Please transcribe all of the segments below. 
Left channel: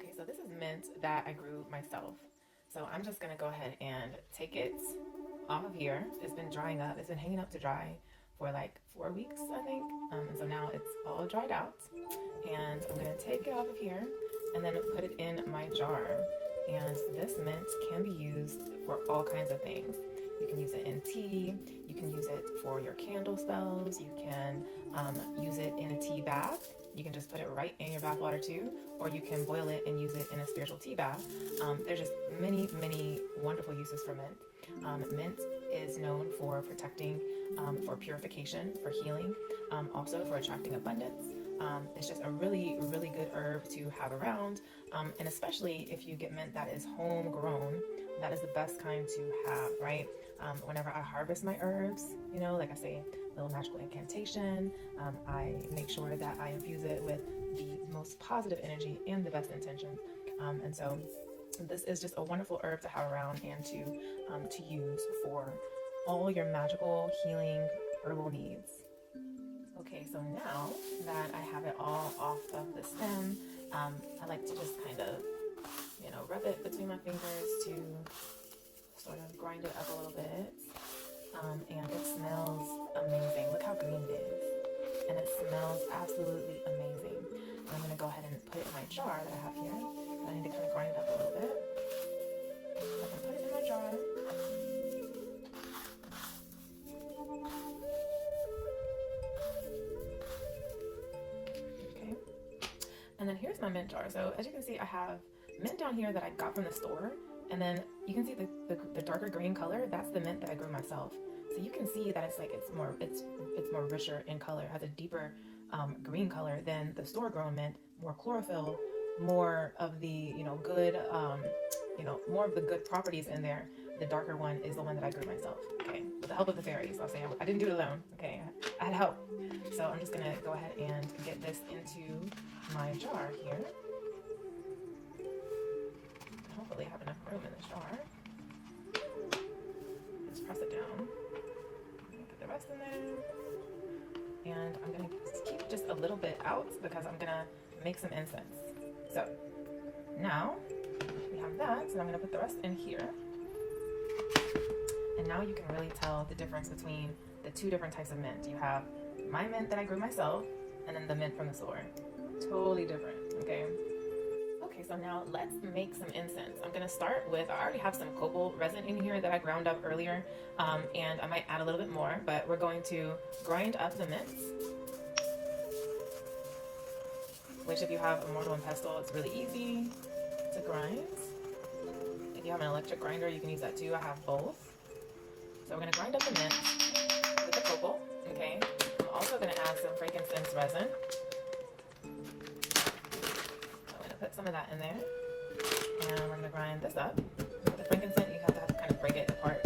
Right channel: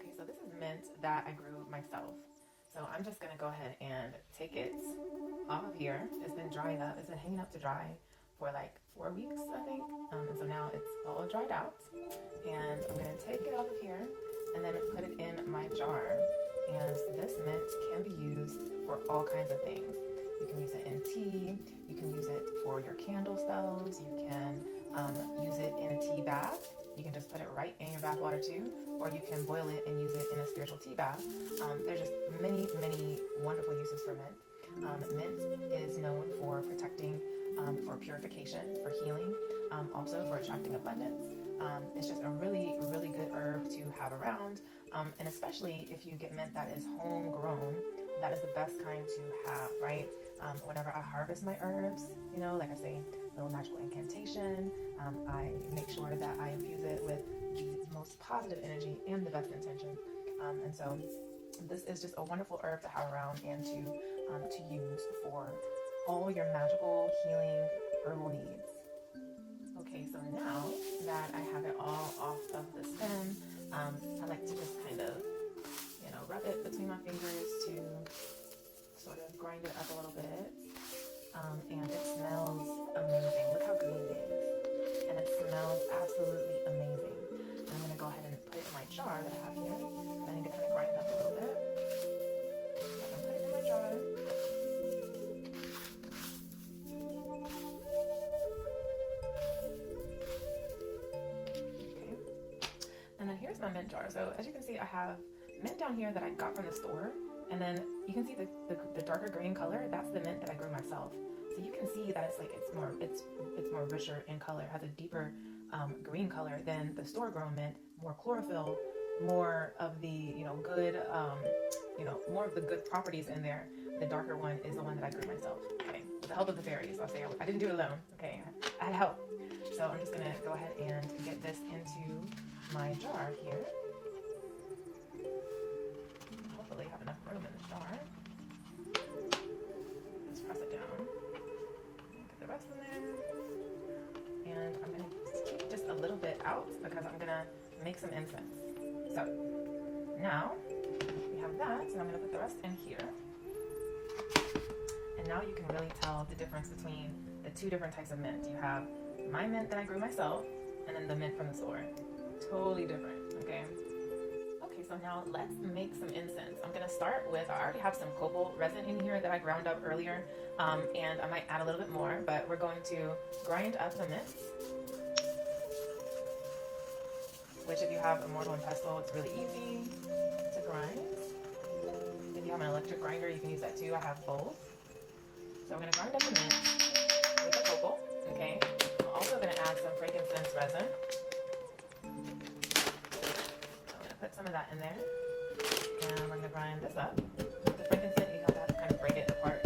Okay, so this is mint that I grew myself. So I'm just gonna go ahead and take it off of here. It's been drying up. It's been hanging up to dry for like 4 weeks, I think. And so now it's all dried out. And I'm gonna take it out of here and then put it in my jar. And this mint can be used for all kinds of things. You can use it in tea. You can use it for your candle spells. You can use it in a tea bath. You can just put it right in your bath water too, or you can boil it and use it in a spiritual tea bath. There's just many, many wonderful uses for mint. Mint is known for protecting, for purification, for healing, also for attracting abundance. It's just a really, really good herb to have around, and especially if you get mint that is homegrown, that is the best kind to have, right? Whenever I harvest my herbs, you know, like I say, little magical incantation, I make sure that I infuse it with the most positive energy and the best intention. And so this is just a wonderful herb to have around and to use for all your magical healing herbal needs. Okay, so now that I have it all off of the stem, I like to just kind of, you know, rub it between my fingers to sort of grind it up a little bit. And it smells amazing. Look how green it is. And it smells absolutely amazing. I'm going to go ahead and put it in my jar that I have here. I need to kind of grind it up a little bit. I can put it in my jar. Okay. And then here's my mint jar. So as you can see, I have mint down here that I got from the store. And then you can see the darker green color. That's the mint that I grew myself. So you can see that it's more richer in color. It has a deeper green color than the store grown mint. More chlorophyll, more of the good more of the good properties in there. The darker one is the one that I grew myself. Okay, with the help of the fairies. So I'm saying I didn't do it alone. Okay, I had help. So I'm just gonna go ahead and get this into my jar here. Hopefully have enough room in this jar. Let's press it down. Get the rest in there. And I'm going to keep just a little bit out because I'm going to make some incense. So now we have that. So I'm going to put the rest in here. And now you can really tell the difference between the two different types of mint. You have my mint that I grew myself and then the mint from the store. Totally different, okay? Okay, so now let's make some incense. I'm going to start with, I already have some copal resin in here that I ground up earlier, and I might add a little bit more, but we're going to grind up the mints, which if you have a mortar and pestle, it's really easy to grind. If you have an electric grinder, you can use that too. I have both. So I'm going to grind up the mints with the copal, okay? I'm also going to add some frankincense resin. Put some of that in there, and we're going to grind this up. The frankincense, you have to kind of break it apart.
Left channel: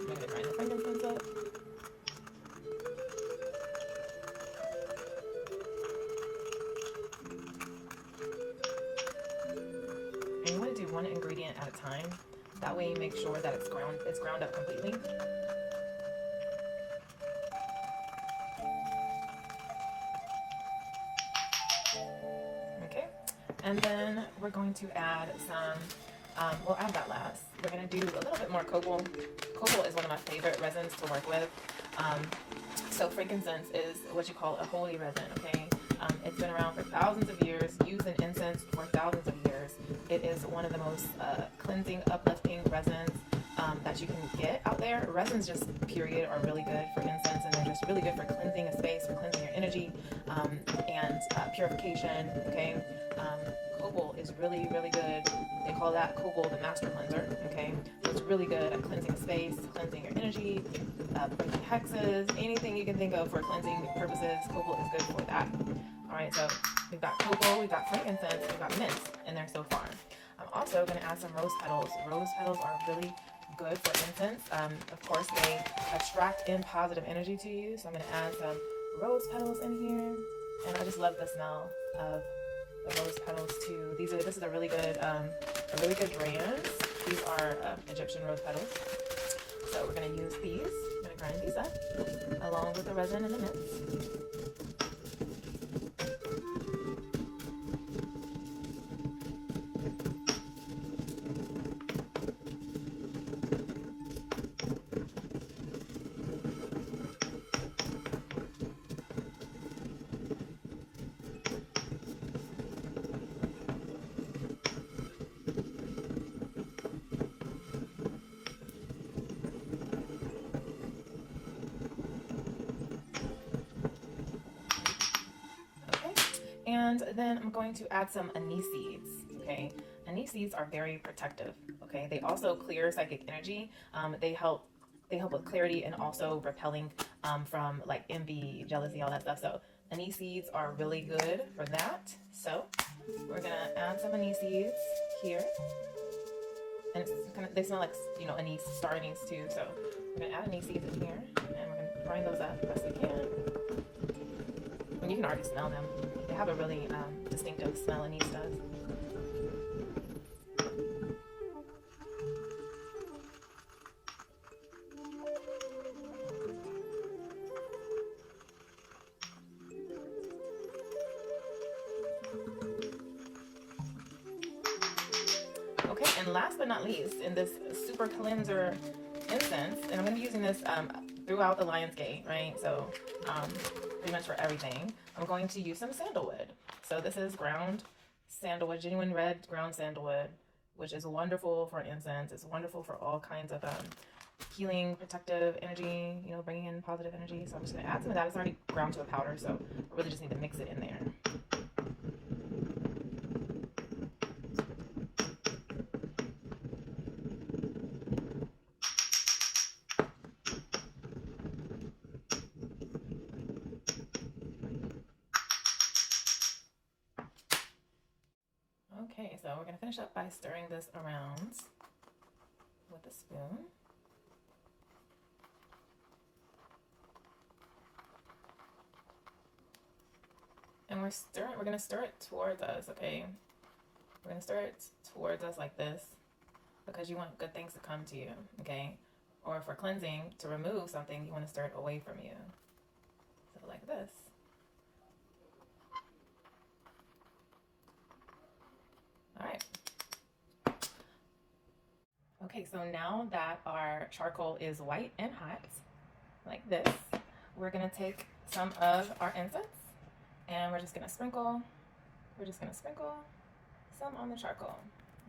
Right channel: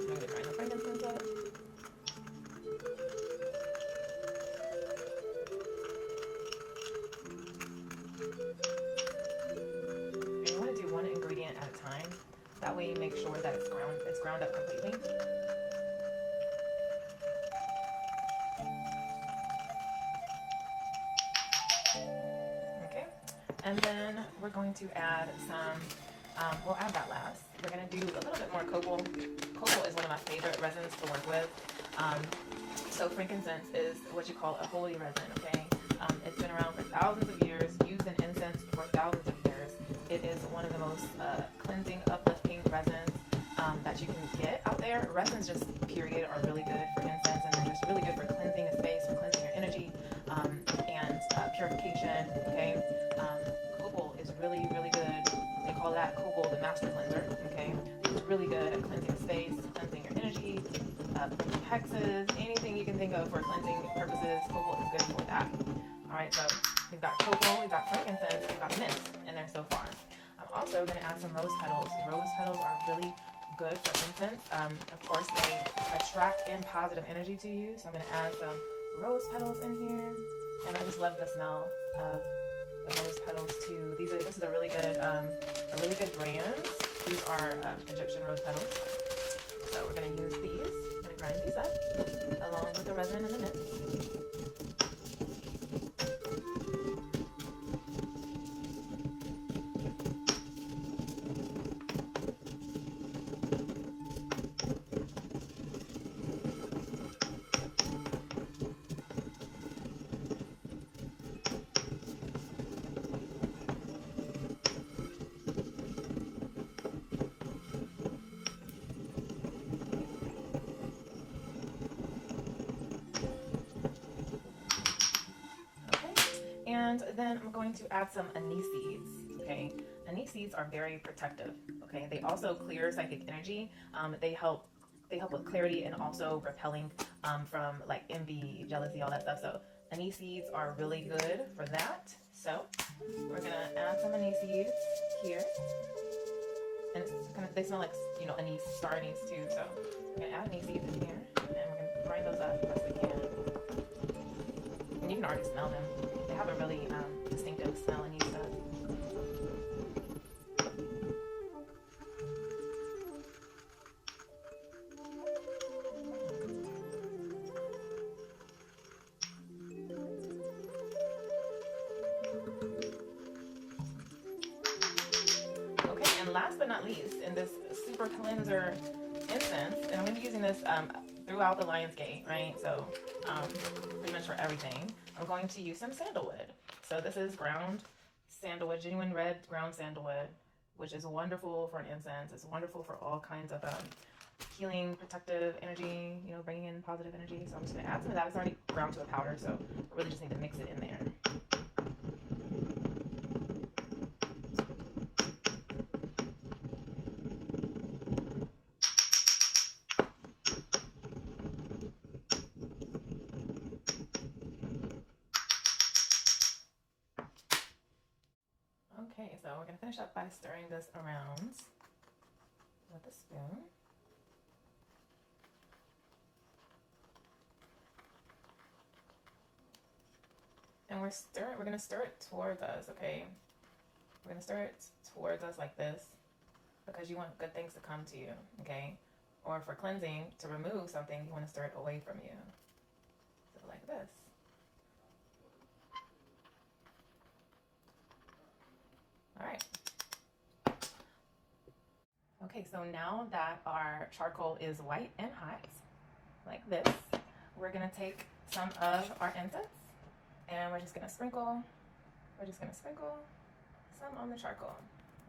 I'm going to grind the frankincense up. And you want to do one ingredient at a time. That way you make sure that it's ground up completely. Okay. And then we're going to add some, we'll add that last. We're going to do a little bit more copal. Copal is one of my favorite resins to work with. So frankincense is what you call a holy resin, okay? It's been around for thousands of years, used in incense for thousands of years. It is one of the most cleansing, uplifting resins that you can get out there. Resins just, period, are really good for incense, and they're just really good for cleansing a space, for cleansing your energy, and purification, okay? Copal is really, really good. They call that copal the master cleanser, okay? It's really good at cleansing a space, cleansing your energy, breaking hexes, anything you can think of for cleansing purposes. Copal is good for that. Alright, so we've got copal, we've got frankincense, we've got mint in there so far. I'm also going to add some rose petals. Rose petals are really good for incense. Of course, they attract in positive energy to you. So I'm going to add some rose petals in here. And I just love the smell of the rose petals too. This is a really good brand. These are Egyptian rose petals. So we're going to use these. I'm going to grind these up along with the resin and the nips. And then I'm going to add some anise seeds, okay? Anise seeds are very protective, okay? They also clear psychic energy. They help with clarity and also repelling from like envy, jealousy, all that stuff. So anise seeds are really good for that. So we're gonna add some anise seeds here. And it's kind of, they smell like, you know, anise, star anise too. So we're gonna add anise seeds in here and we're gonna grind those up as best we can. And you can already smell them. They have a really distinctive smell, anise does. Okay, and last but not least, in this super cleanser incense, and I'm going to be using this throughout the Lion's Gate, right? So pretty much for everything. I'm going to use some sandalwood. So this is ground sandalwood, genuine red ground sandalwood, which is wonderful for an incense. It's wonderful for all kinds of healing, protective energy, you know, bringing in positive energy. So I'm just going to add some of that. It's already ground to a powder, so I really just need to mix it in there. Okay, so we're going to finish up by stirring this around with a spoon. And we're going to stir it towards us, okay? We're going to stir it towards us like this because you want good things to come to you, okay? Or for cleansing, to remove something, you want to stir it away from you. So like this. All right. Okay, so now that our charcoal is white and hot, like this, we're gonna take some of our incense and we're just gonna sprinkle some on the charcoal.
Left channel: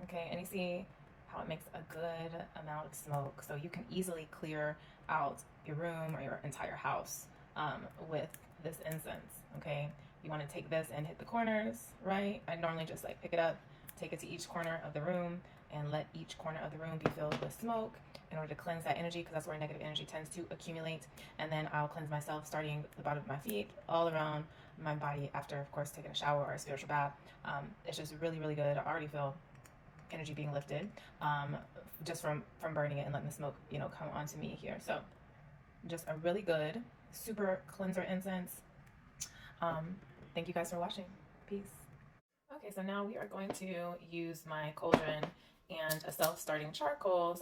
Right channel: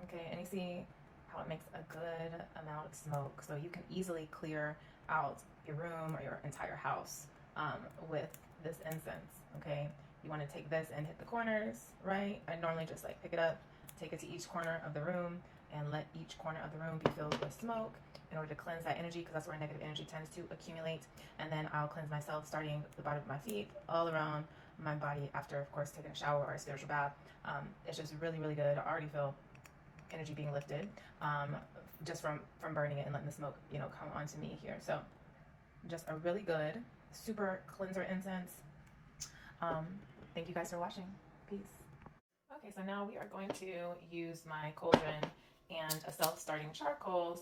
Okay, and you see how it makes a good amount of smoke, so you can easily clear out your room or your entire house with this incense. Okay, you want to take this and hit the corners, right? I normally just like pick it up, take it to each corner of the room, and let each corner of the room be filled with smoke in order to cleanse that energy, because that's where negative energy tends to accumulate. And then I'll cleanse myself starting the bottom of my feet, all around my body after, of course, taking a shower or a spiritual bath. It's just really, really good. I already feel energy being lifted just from burning it and letting the smoke, you know, come onto me here. So just a really good super cleanser incense. Thank you guys for watching. Peace. Okay, so now we are going to use my cauldron and a self-lighting charcoal